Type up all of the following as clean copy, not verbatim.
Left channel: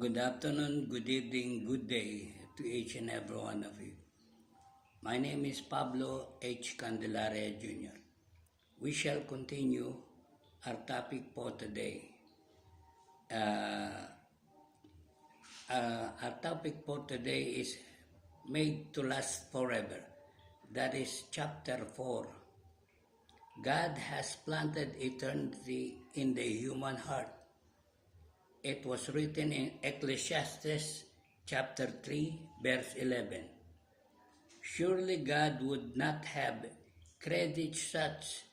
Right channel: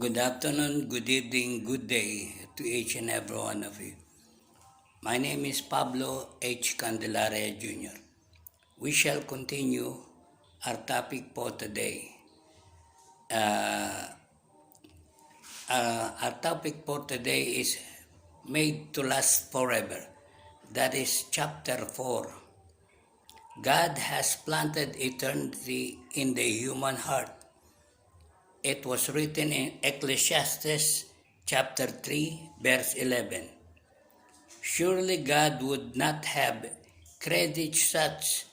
Good afternoon, good evening, good day to each and every one of you. My name is Pablo H. Candelaria Jr. We shall continue our topic for today. Uh, our topic for today is Made to Last Forever. That is chapter 4. God has planted eternity in the human heart. It was written in Ecclesiastes chapter 3, verse 11. Surely God would not have created such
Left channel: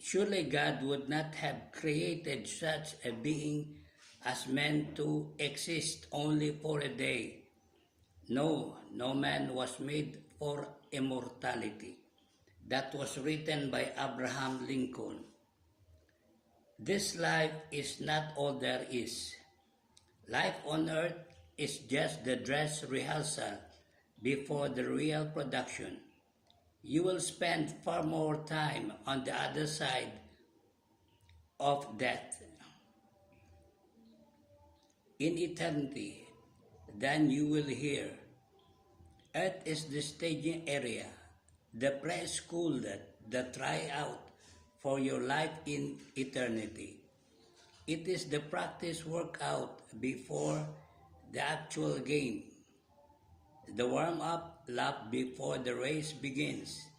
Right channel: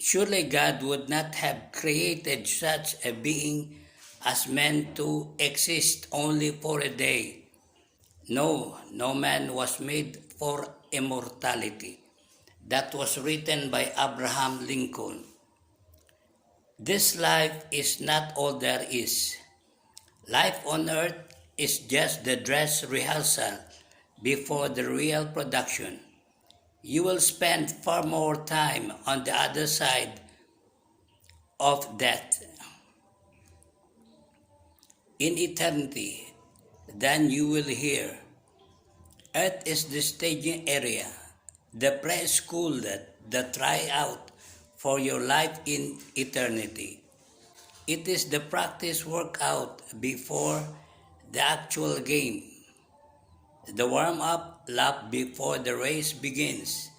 Surely God would not have created such a being as meant to exist only for a day. No, no man was made for immortality. That was written by Abraham Lincoln. This life is not all there is. Life on earth is just the dress rehearsal before the real production. You will spend far more time on the other side of death in eternity than you will here. Earth is the staging area, the preschool the tryout for your life in eternity. It is the practice workout before the actual game, the warm-up lap before the race begins.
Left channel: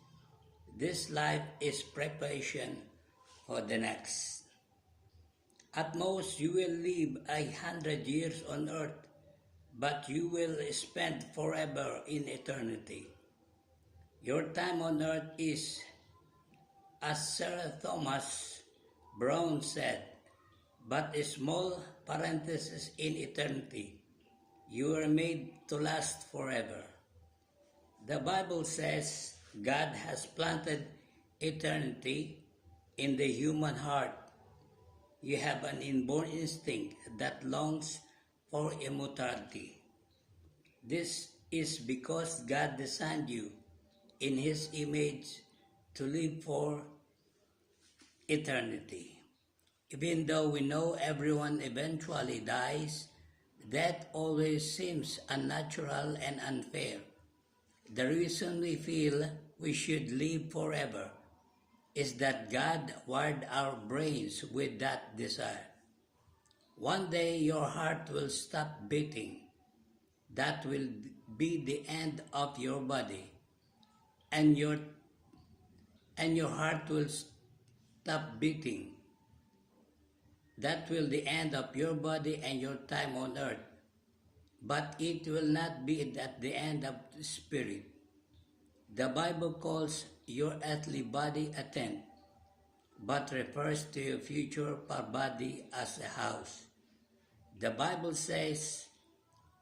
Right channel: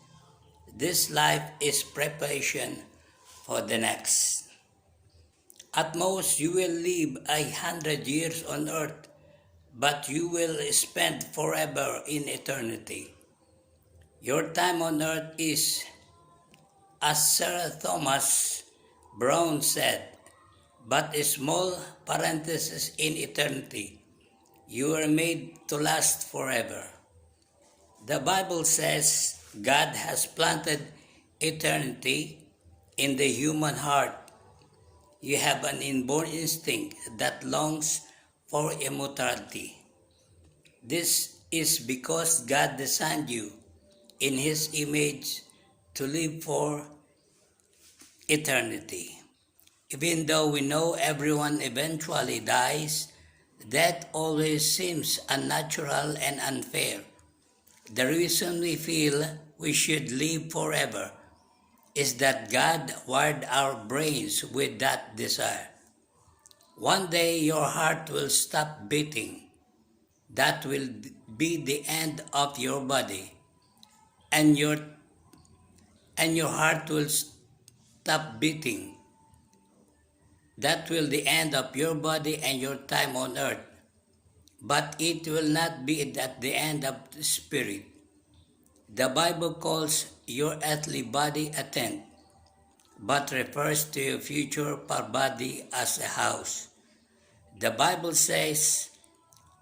This life is preparation for the next. At most, you will live 100 years on earth, but you will spend forever in eternity. Your time on earth is, as Sir Thomas Browne said, but a small parenthesis in eternity. You are made to last forever. The Bible says God has planted eternity in the human heart. You have an inborn instinct that longs for immortality. This is because God designed you in His image to live for eternity. Even though we know everyone eventually dies, death always seems unnatural and unfair. The reason we feel we should live forever is that God wired our brains with that desire. One day your heart will stop beating. That will be the end of your body, and your heart will stop beating. That will be the end of your body and your time on earth. But it will not be at the end of the spirit. The Bible calls your earthly body a tent, but refers to your future body as a house. The Bible says,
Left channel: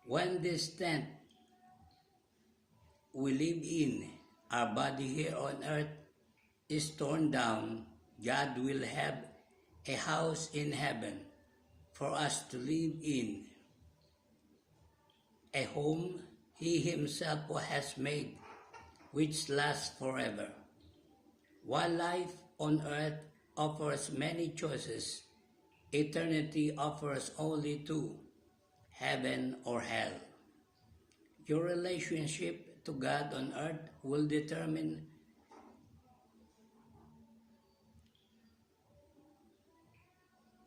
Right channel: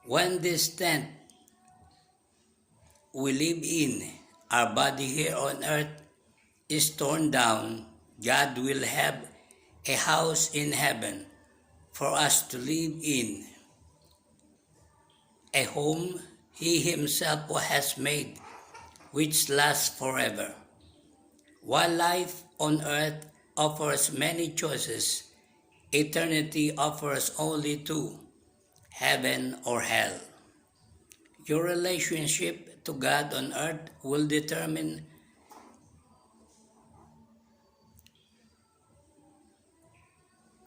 when this tent we live in, our body here on earth, is torn down, God will have a house in heaven for us to live in, a home He Himself has made, which lasts forever. While life on earth offers many choices, eternity offers only two, heaven or hell. Your relationship to God on earth will determine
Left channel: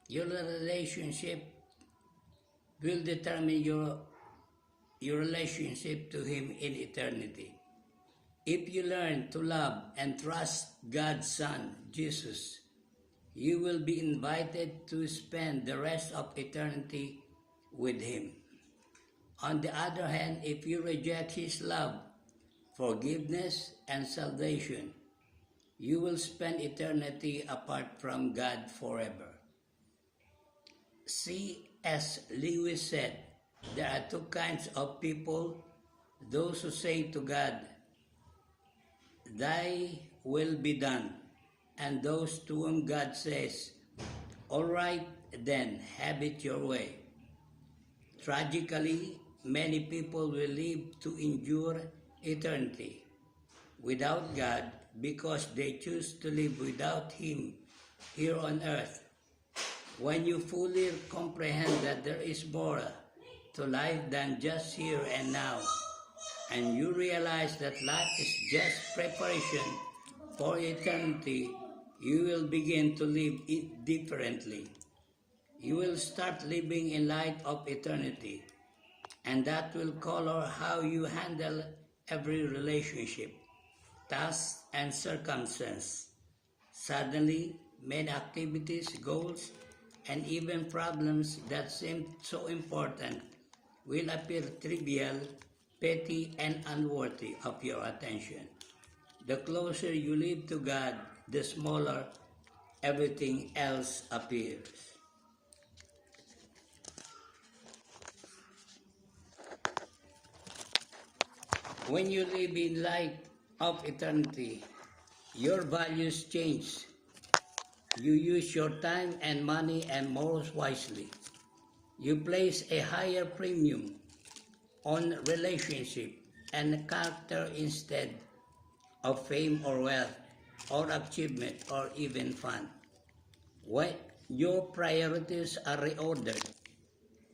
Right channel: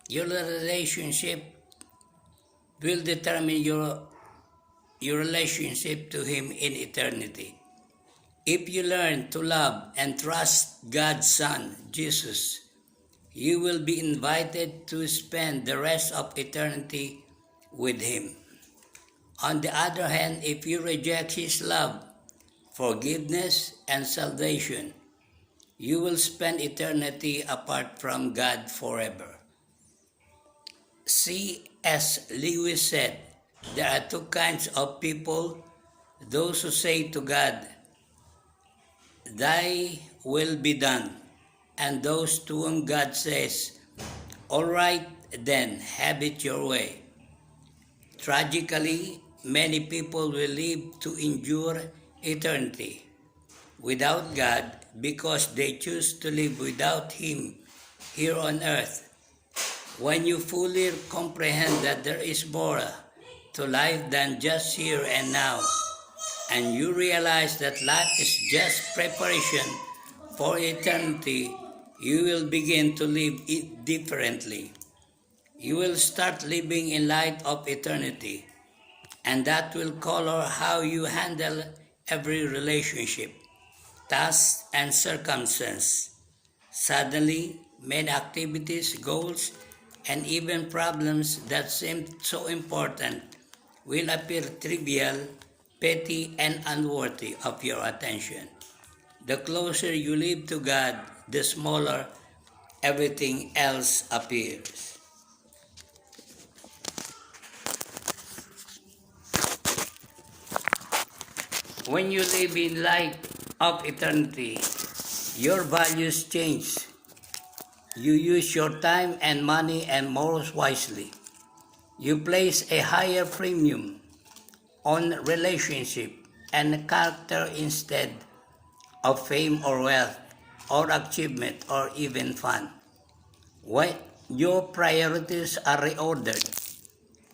your relationship will determine your relationship to Him in eternity. If you learn to love and trust God's Son, Jesus, you will be invited to spend the rest of eternity with Him. On the other hand, if you reject His love, forgiveness, and salvation, you will spend eternity apart from God forever. C.S. Lewis said, there are two kinds of people, those who say to God, Thy will be done, and those to whom God says, all right, then have it your way. Tragically, many people will live to endure eternity without God because they choose to live without Him here on earth. When you fully comprehend that there is more to life than just here and now, and you realize that life is just preparation for eternity, you will begin to live it differently. You will start living in light of eternity, and that will color how you handle every relationship, task, and circumstance. Suddenly, many activities, goals, and even problems that seemed so important will appear trivial, petty, and unworthy of your attention. The closer you live to God, the smaller everything else appears. When you live in light of eternity, your values change. You use your time and money and morals wisely. You place a higher premium on relationship and character instead of fame or wealth or achievement or even fun. When your priorities are reordered,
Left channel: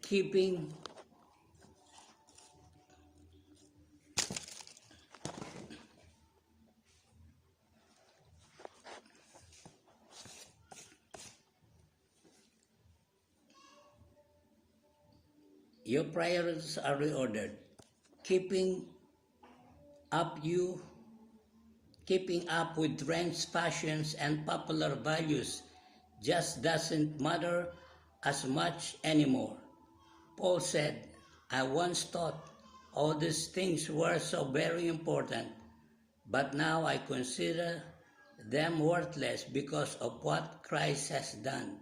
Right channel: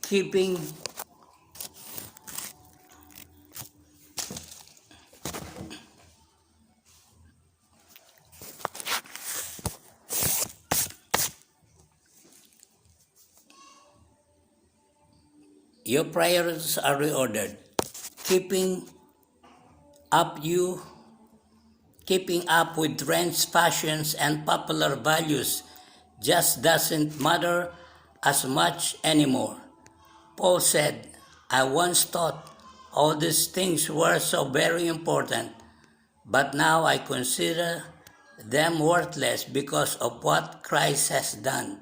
keeping your priorities are reordered, keeping up you keeping up with trends, fashions, and popular values just doesn't matter as much anymore. Paul said, I once thought all these things were so very important, but now I consider them worthless because of what Christ has done.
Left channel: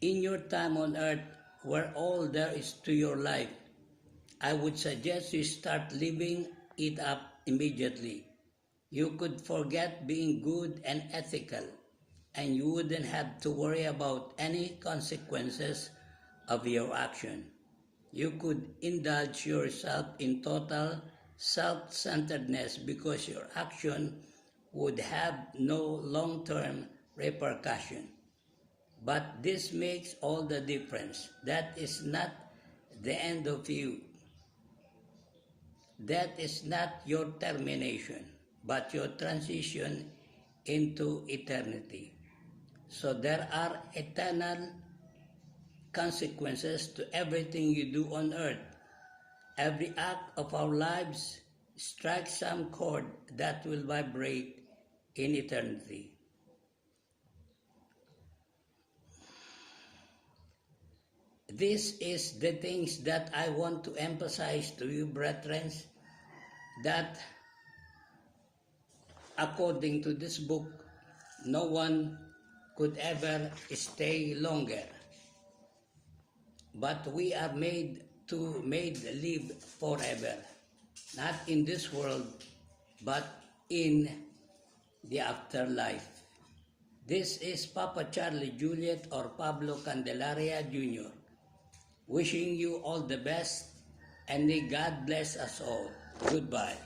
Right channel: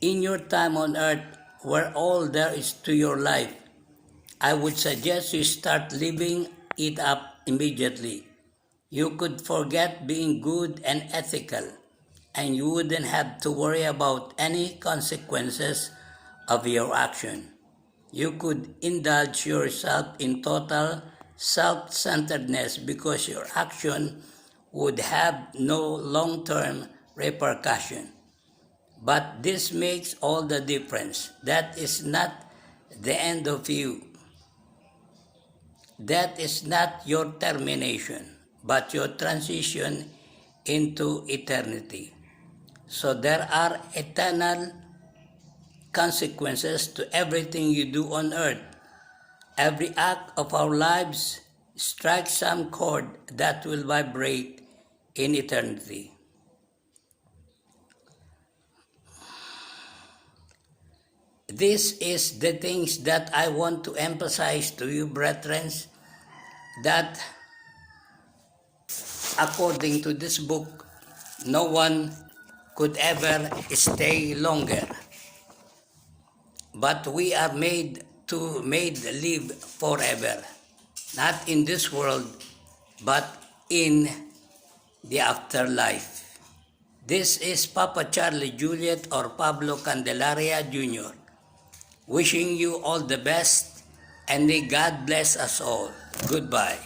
In your time on earth, where all there is to your life, I would suggest you start living it up immediately. You could forget being good and ethical, and you wouldn't have to worry about any consequences of your action. You could indulge yourself in total self-centeredness because your action would have no long-term repercussion. But this makes all the difference. That is not the end of you. That is not your termination, but your transition into eternity. So there are eternal consequences to everything you do on earth. Every act of our lives strikes some chord that will vibrate in eternity. This is the things that I want to emphasize to you, brethren, that according to this book, no one could ever stay longer. But we are made live forever, not in this world, but in the afterlife. This is Papa Charlie Juliet or Pablo Candelaria Jr. wishing you all the best and may God bless us all. Goodbye.